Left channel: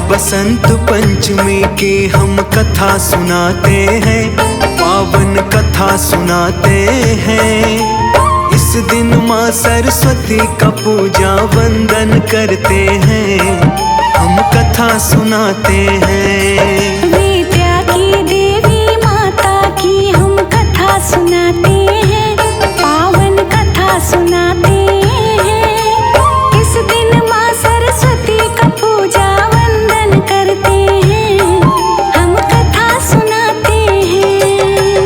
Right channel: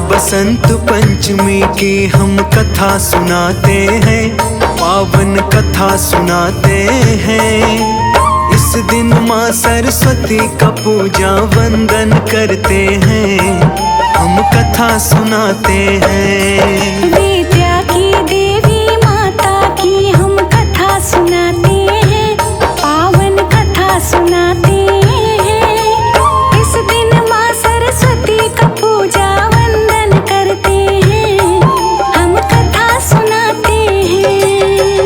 बसंत पंचमी की हम कथा सुनाते हैं, पावन कथा सुनाते हैं। इस दिन माँ सरस्वती का पूजा वंदन करते हैं, हम कथा सुनाते हैं। विद्या की देवी माता की हम कथा सुनाते हैं, पावन कथा सुनाते हैं। इस दिन माँ सरस्वती का पूजा वंदन करते हैं, हम कथा सुनाते हैं।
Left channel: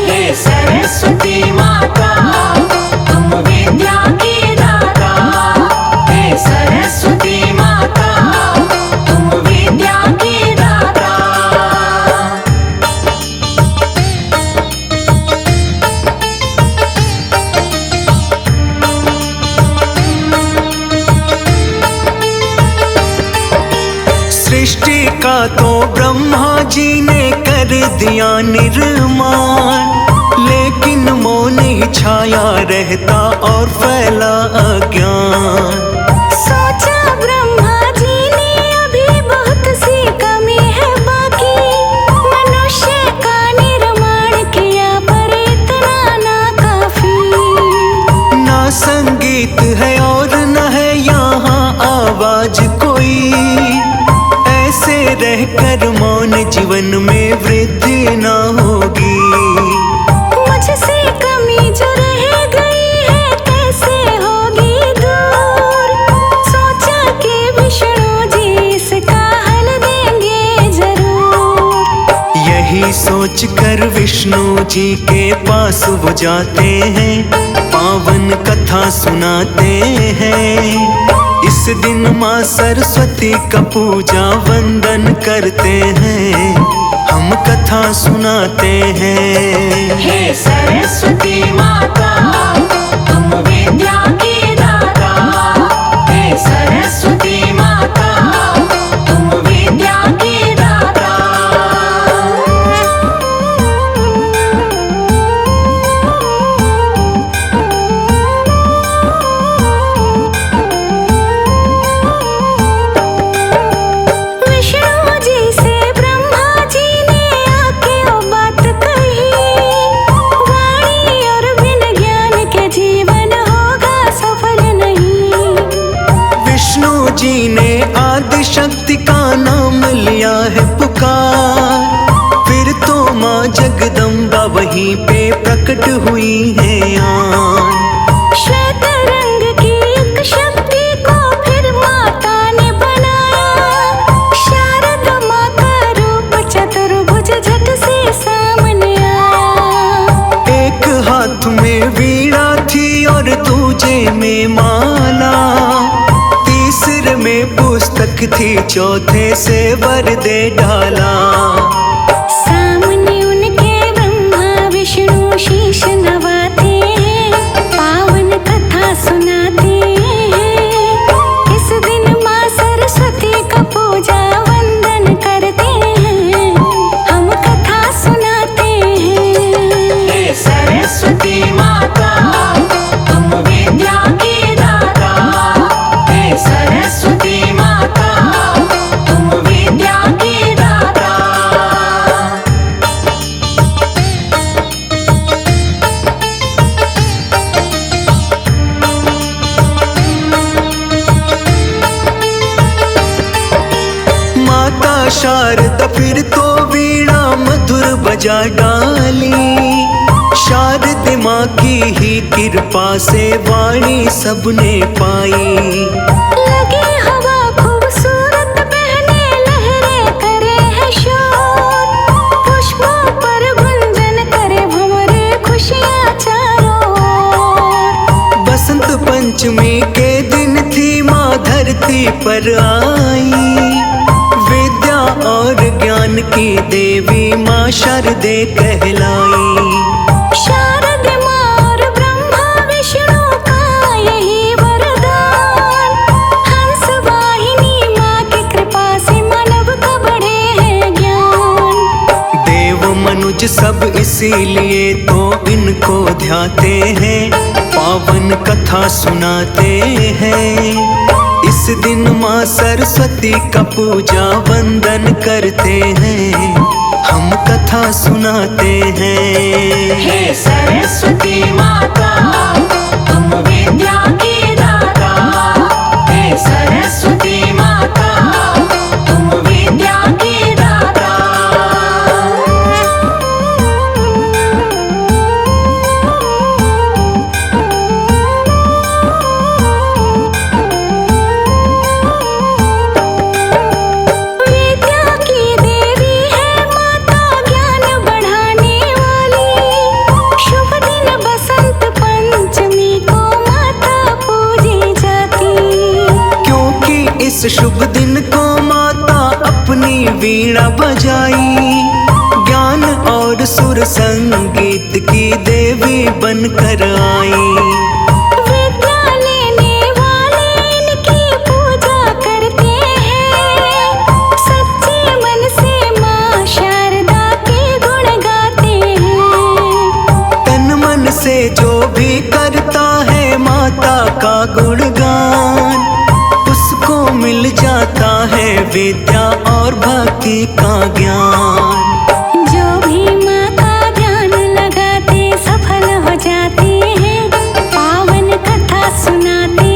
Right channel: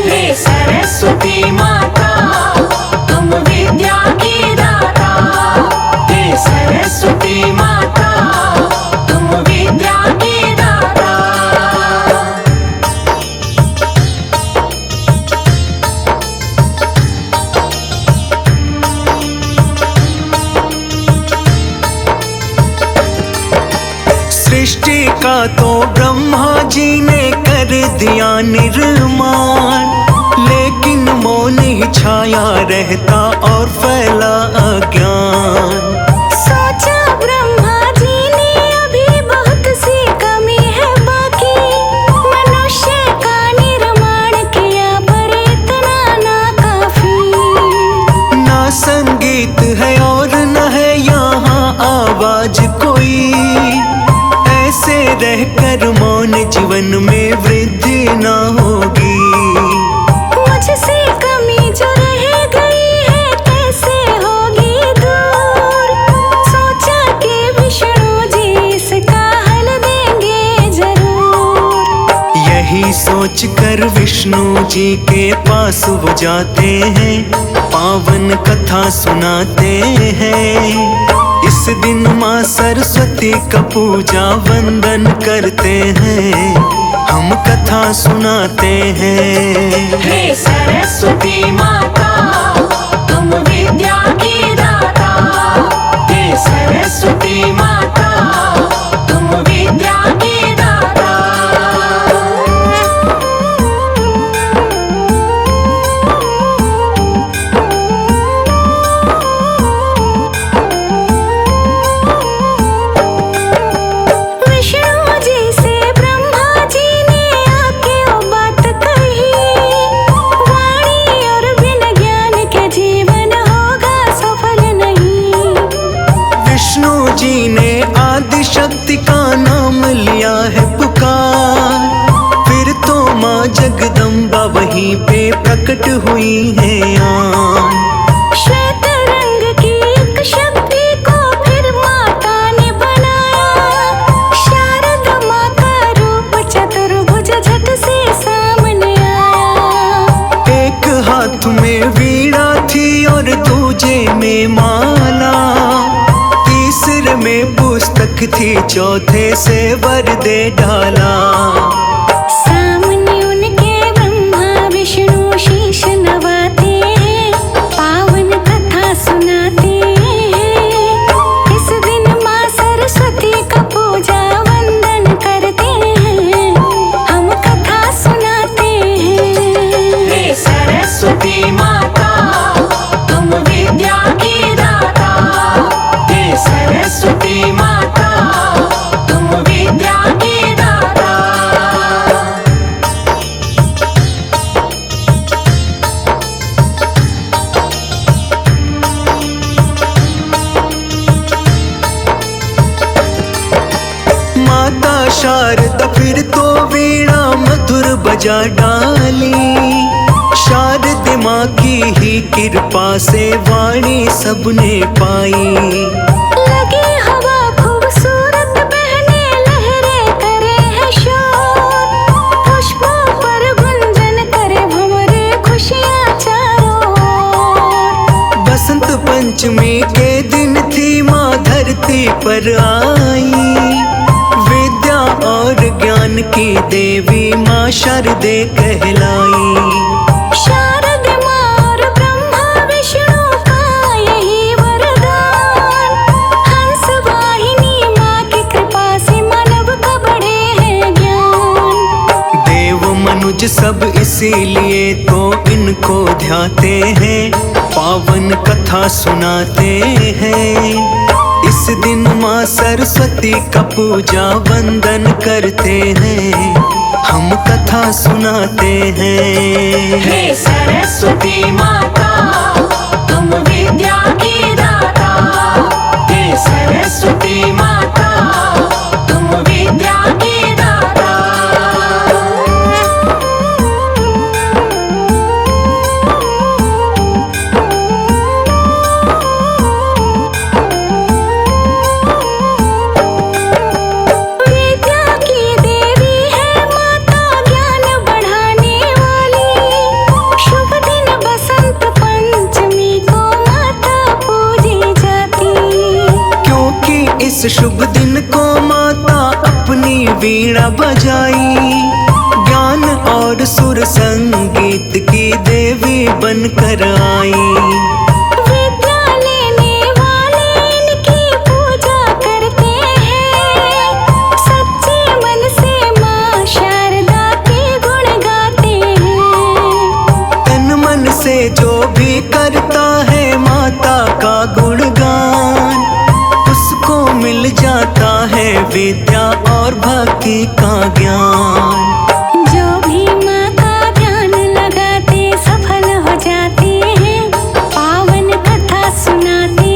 हे सरस्वती माता तुम विद्या की दाता, हे सरस्वती माता तुम विद्या की दाता। सृष्टि का तो ब्रह्मा जी ने कर दिया निर्माण, लेकिन मौन ही छाया रहता और फैला अज्ञान। सोचा ब्रह्मा जी ने अभी बहुत सी कमी है बाकी, मनुष्य का निर्माण किया पर इतना ना काफी। ना संगीत है और न है यहाँ आवाज कोई, ऐसे रहकर मौन जीवन में वृद्धि ना होगी। मुझसे कमी जो रह गई है कैसे होगी दूर, सोचा कि विष्णु जी इसका हल देंगे जरूर। यही सोच कर विष्णु जी के पास वो जाते हैं, पावन कथा सुनाते हैं। इस दिन माँ सरस्वती का पूजा वंदन करते हैं, हम कथा सुनाते हैं। हे सरस्वती माता तुम विद्या की दाता, हे सरस्वती माता तुम विद्या की दाता। विष्णु जी से ब्रह्मा जी ने आके वो बात कही, वाणी और बिन ज्ञान के जीवन होगा सफल नहीं। विष्णु जी ने आदि शक्ति का नाम लिया है पुकार, फिर तो माँ जगदम्बा वहीं पे प्रकट हुई है आन। श्वेत रंग की एक शक्ति को फिर माता ने बनाया, शारद माँ का रूप चतुर्भुज झट से सामने आया। एक हाथ में वीणा थी और दूजे में माला, तीसरे में पुस्तक थी, चौथे से वर दे डाला। सामने उनके ब्रह्मा विष्णु शीश नवाते हैं, पावन कथा सुनाते हैं। इस दिन माँ सरस्वती का पूजा वंदन करते हैं, हम कथा सुनाते हैं। हे सरस्वती माता तुम विद्या की दाता, हे सरस्वती माता तुम विद्या की दाता। माता शारदा फिर तो वीणा मधुर बजा डाली, शारदा माँ की ही कृपा से वाणी सबने पाई। लगे हवा खूबसूरत बहने लहरें करे है शोर, पुष्पों पर गुंजन करे भंवरे खुशियाँ चारों ओर। बसंत पंचमी के दिन थी माँ धरती पर आई, विद्या और ज्ञान की देवी माँ शारदे कहलाई। शारद माँ और ब्रह्मा विष्णु का यही वरदान, हंस वाहिनी माँ की कृपा से मानव का बढ़े है ज्ञान। देव मनुज सब इसीलिए तो इनको ध्याते हैं, पावन कथा सुनाते हैं। इस दिन माँ सरस्वती का पूजा वंदन करते हैं, हम कथा सुनाते हैं। हे सरस्वती माता तुम विद्या की दाता, हे सरस्वती माता तुम विद्या की दाता। विद्या की देवी है माता, ज्ञान बढ़ाने वाली। शुभ दिन बसंत पंचमी को माता पूजी जाती। क्योंकि इस शुभ दिन को माता अपनी वीणा बजाई, ज्ञान और सुर संगीत की देवी बनकर आई। विद्या लेने वाले इनकी पूजा करते हैं, सच्चे मन से माँ शारदा के गुण गाते हैं। तन मन से जो भी करता है माता का गुणगान, उसको मिल जाता है विद्या और भक्ति का ज्ञान। जो भी माँ का ध्यान लगाते सफल हो जाते हैं, पावन कथा सुनाते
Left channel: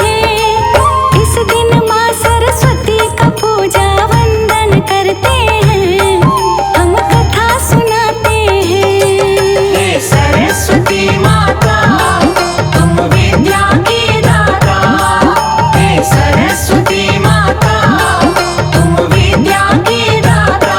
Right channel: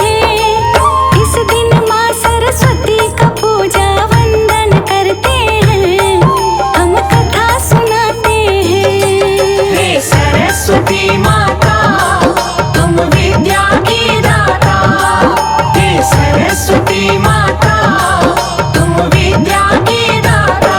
हैं। इस दिन माँ सरस्वती का पूजा वंदन करते हैं, हम कथा सुनाते हैं। हे सरस्वती माता तुम विद्या की दाता, हे सरस्वती माता तुम विद्या की दाता।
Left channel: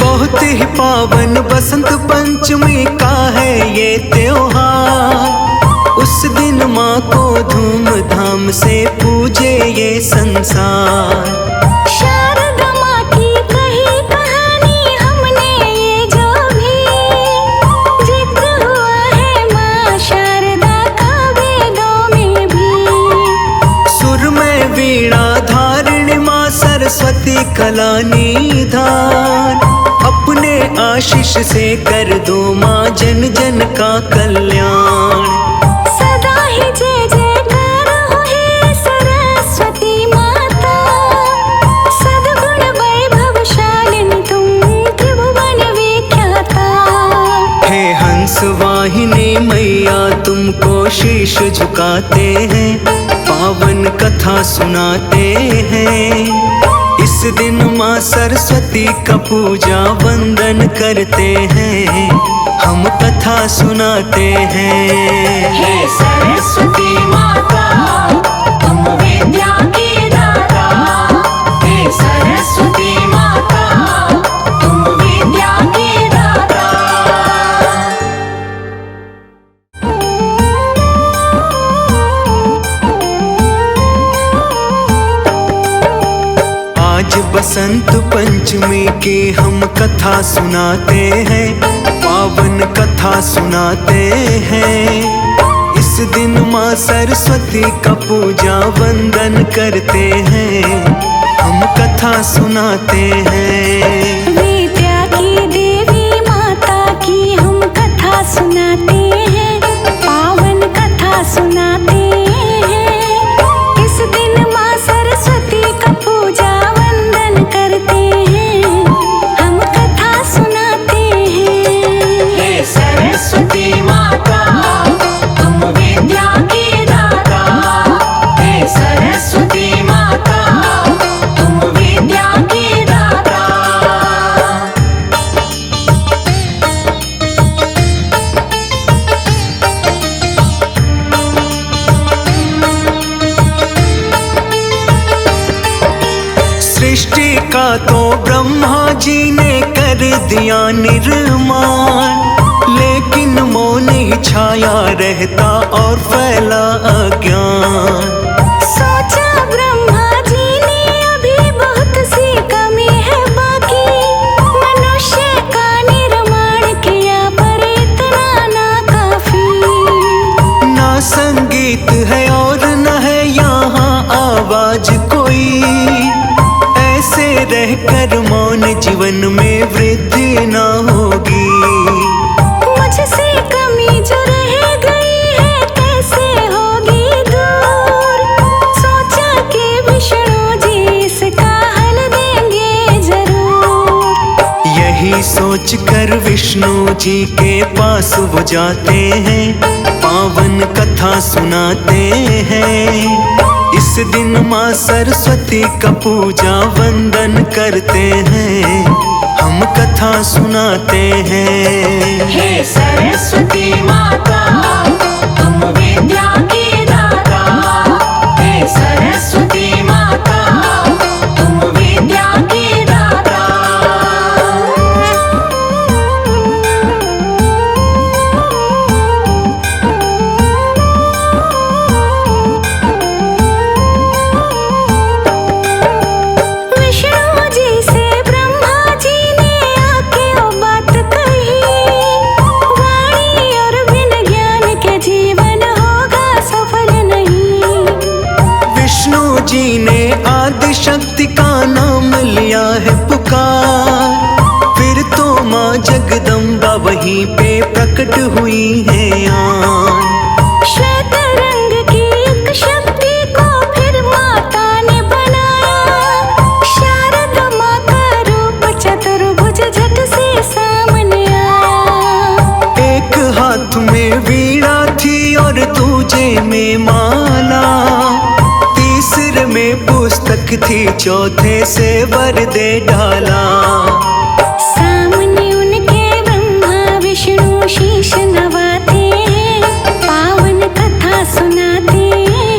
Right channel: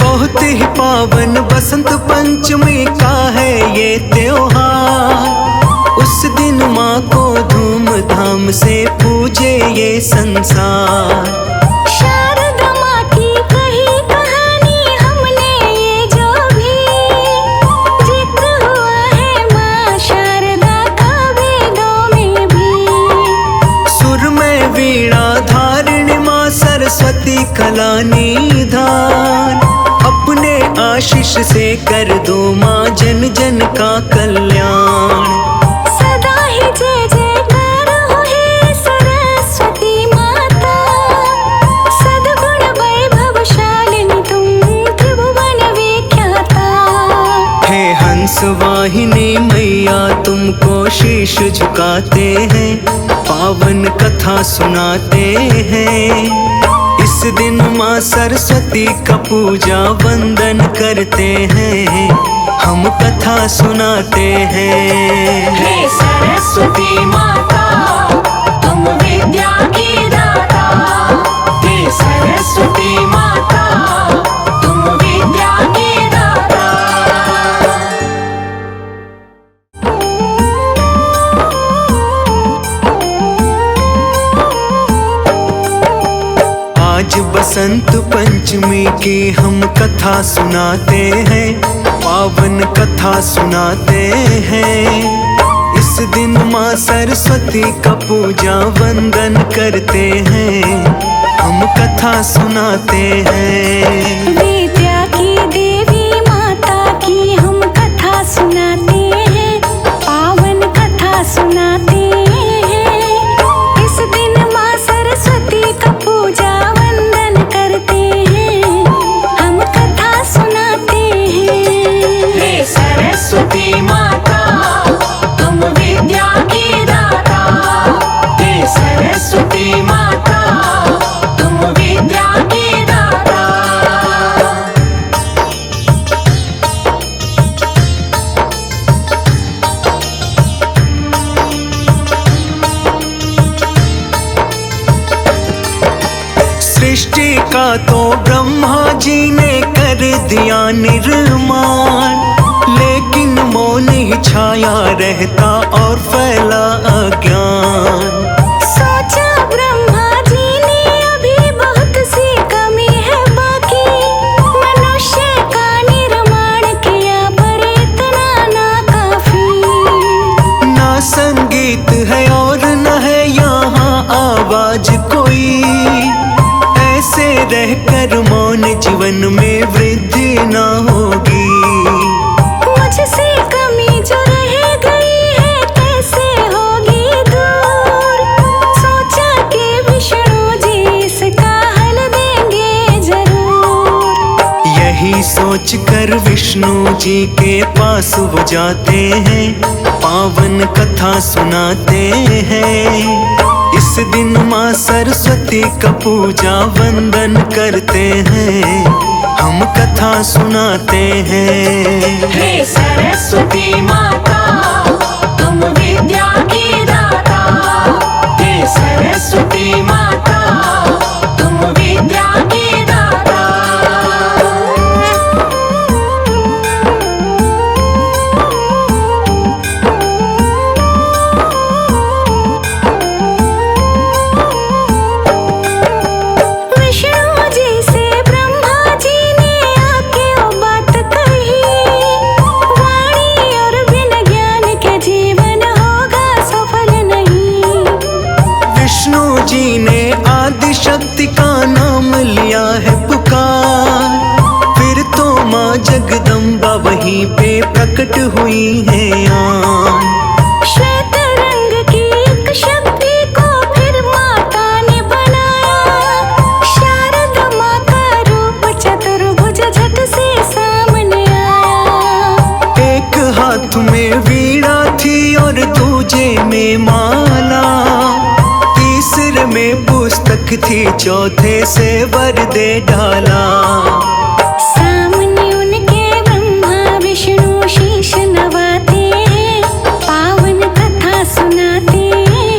बहुत ही पावन बसंत पंचमी का है ये त्योहार। उस दिन माँ को धूमधाम से पूजे ये संसार। शारदा माँ की कही कहानी हमने ये जो भी जिक्र हुआ है माँ शारदा का वेदों में भी। सुर में वीणा धारिणी माँ सरस्वती कला निधान। अपने आशीष से कर दो माँ जन जन का कल्याण। सदा ही जय जयकार हो हे सरस्वती माता, सद्गुण वैभवशालिनी तुम त्रिभुवन विख्याता। हे हंस वाहिनी मैया तुमको शीश झुकाते हैं, पावन कथा सुनाते हैं। इस दिन माँ सरस्वती का पूजा वंदन करते हैं, हम कथा सुनाते हैं। हे सरस्वती माता तुम विद्या की दाता, हे सरस्वती माता तुम विद्या की दाता। आज बसंत पंचमी की हम कथा सुनाते हैं, पावन कथा सुनाते हैं। इस दिन माँ सरस्वती का पूजा वंदन करते हैं, हम कथा सुनाते हैं। विद्या की देवी माता की हम कथा सुनाते हैं, पावन कथा सुनाते हैं। इस दिन माँ सरस्वती का पूजा वंदन करते हैं, हम कथा सुनाते हैं। हे सरस्वती माता तुम विद्या की दाता, हे सरस्वती माता तुम विद्या की दाता। सृष्टि का तो ब्रह्मा जी ने कर दिया निर्माण, लेकिन मौन ही छाया रहता और फैला अज्ञान। सोचा ब्रह्मा जी ने अभी बहुत सी कमी है बाकी, मनुष्य का निर्माण किया पर इतना ना काफी। ना संगीत है और न है आज कोई ऐसे रहकर मौन जीवन में वृद्धि न होगी। मुझसे कमी जो रह गई है कैसे होगी दूर, सोचा कि विष्णु जी इसका हल देंगे जरूर। यही सोचकर विष्णु जी के पास वो जाते हैं, पावन कथा सुनाते हैं। इस दिन माँ सरस्वती का पूजा वंदन करते हैं, हम कथा सुनाते हैं। हे सरस्वती माता तुम विद्या की दाता, हे सरस्वती माता तुम विद्या की दाता। विष्णु जी से ब्रह्मा जी ने आके वो बात कही, वाणी और बिन ज्ञान के जीवन होगा सफल नहीं। विष्णु जी ने आदि शक्ति का नाम लिया है पुकार, फिर तो माँ जगदम्बा वहीं पे प्रकट हुई है आन। श्वेत रंग की एक शक्ति को फिर माता ने बनाया, शारदा माँ का रूप चतुर्भुज झट से सामने आया। एक हाथ में वीणा थी और दूजे में माला, तीसरे में पुस्तक थी, चौथे से वर दे डाला। सामने उनके ब्रह्मा विष्णु शीश नवाते हैं, पावन कथा सुनाते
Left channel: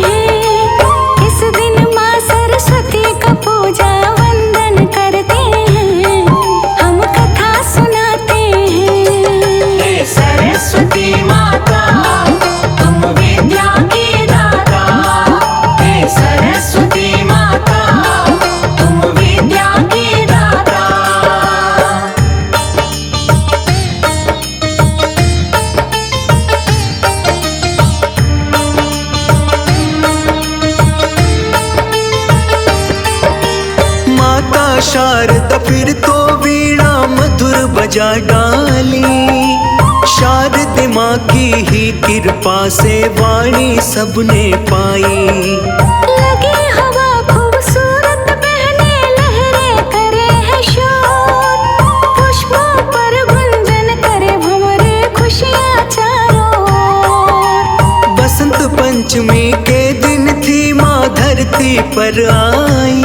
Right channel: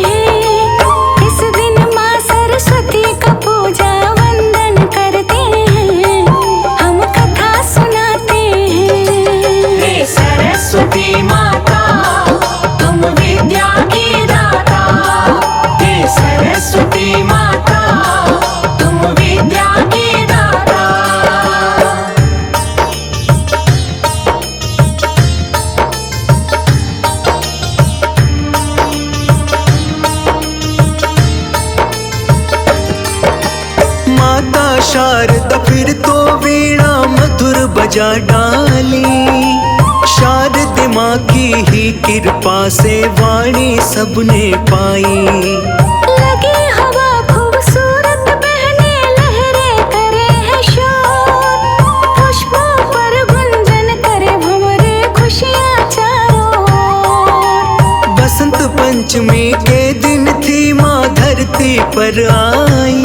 हैं। इस दिन माँ सरस्वती का पूजा वंदन करते हैं, हम कथा सुनाते हैं। हे सरस्वती माता तुम विद्या की दाता, हे सरस्वती माता तुम विद्या की दाता। माता शारदा फिर तो वीणा मधुर बजा डाली, शारद माँ की ही कृपा से वाणी सबने पाई। लगी हवा खूबसूरत बहने लहरें करे है शोर, पुष्पों पर गुंजन करे भंवरे खुशियाँ चारों ओर। बसंत पंचमी के दिन थी माँ धरती पर आई,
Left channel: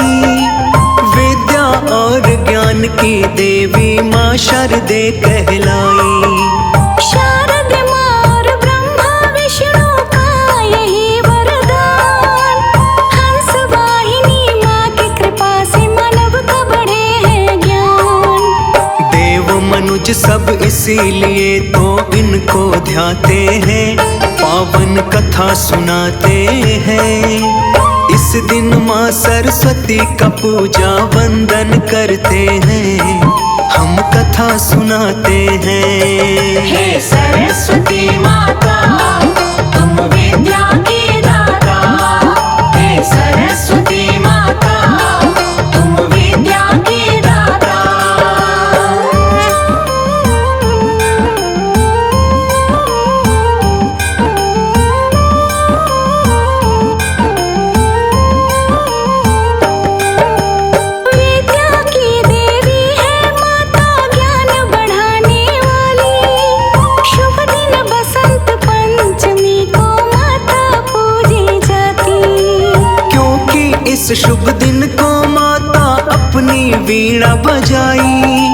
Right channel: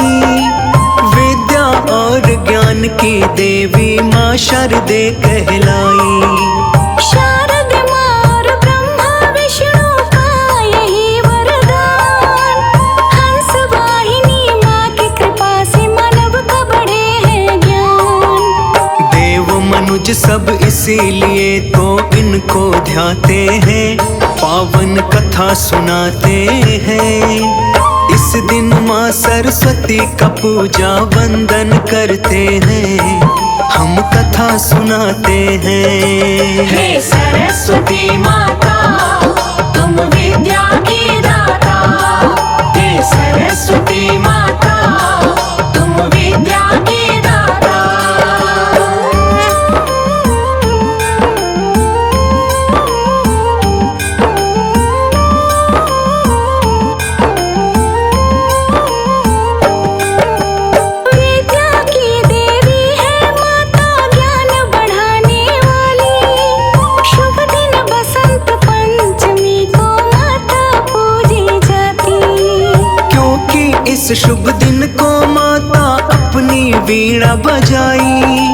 विद्या और ज्ञान की देवी माँ शारदे कहलाई। शारद माँ और ब्रह्मा विष्णु का यही वरदान, हंस वाहिनी माँ की कृपा से मानव का बढ़े है ज्ञान। देव मनुज सब इसीलिए तो इनको ध्याते हैं, पावन कथा सुनाते हैं। इस दिन माँ सरस्वती का पूजा वंदन करते हैं, हम कथा सुनाते हैं। हे सरस्वती माता तुम विद्या की दाता, हे सरस्वती माता तुम विद्या की दाता। विद्या की देवी है माता ज्ञान बढ़ाने वाली, शुभ दिन बसंत पंचमी को माता पूजी जाती। क्योंकि इस शुभ दिन को माता अपनी वीणा बजाई,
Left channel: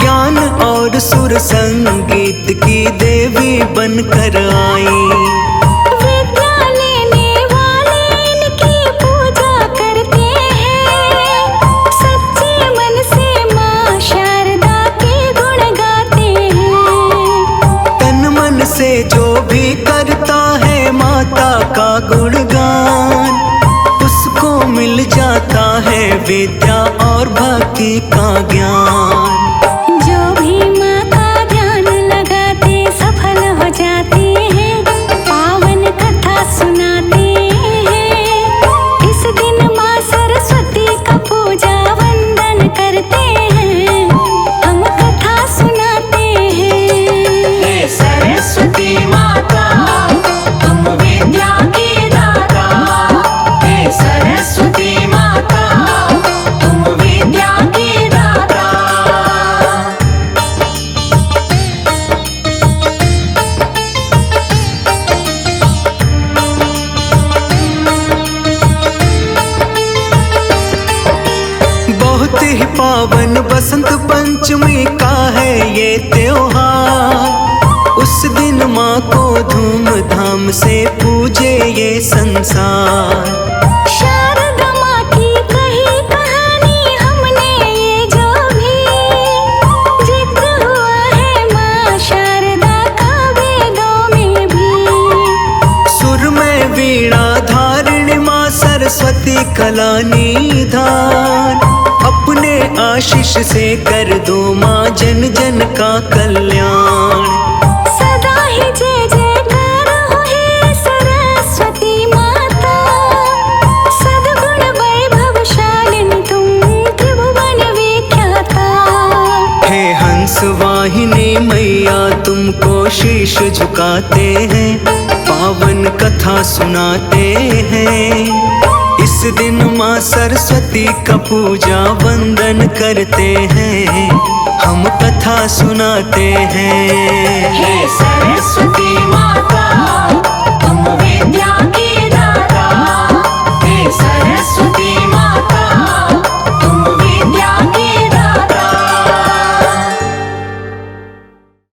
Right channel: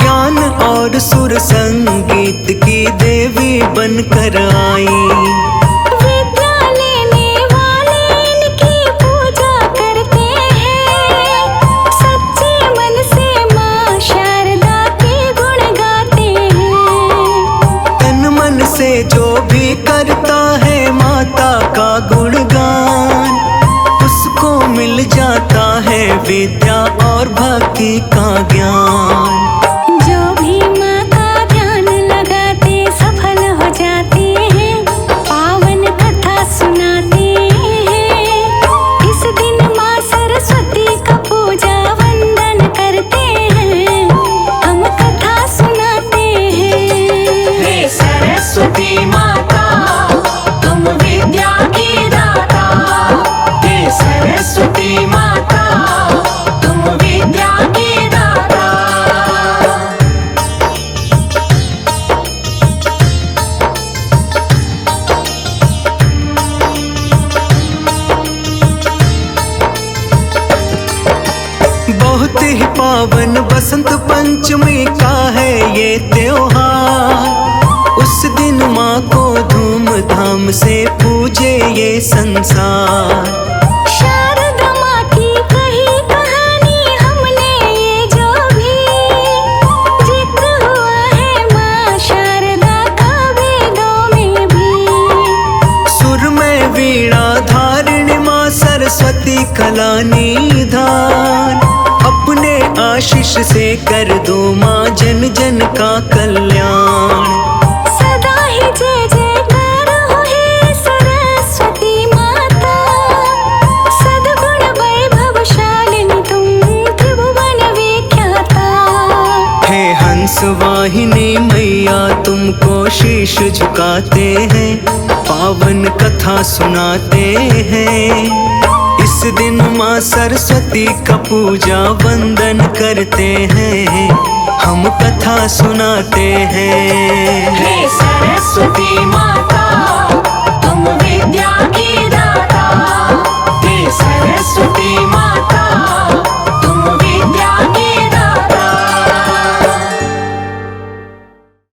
ज्ञान और सुर संगीत की देवी बनकर आई। विद्या लेने वाले इनकी पूजा करते हैं, सच्चे मन से माँ शारदा के गुण गाते हैं। तन मन से जो भी करता है माता का गुणगान, उसको मिल जाता है विद्या और भक्ति का ज्ञान। जो भी माँ का ध्यान लगाते सफल हो जाते हैं, पावन कथा सुनाते हैं। इस दिन माँ ही पावन बसंत पंचमी का है ये त्योहार। उस दिन माँ को धूमधाम से पूजे ये संसार। शारदा माँ की कही कहानी हमने ये जो भी जिक्र हुआ है माँ शारदा का वेदों में भी। सुर में वीणा धारिणी माँ सरस्वती कला निधान। अपने आशीष से कर दो माँ जन जन का कल्याण। सदा ही जय जयकार हो हे सरस्वती माता। सद्गुण वैभवशालिनी तुम त्रिभुवन विख्याता। हे हंस वाहिनी मैया तुमको शीश झुकाते हैं, पावन कथा सुनाते हैं। इस दिन माँ सरस्वती का पूजा वंदन करते हैं, हम कथा सुनाते हैं। हे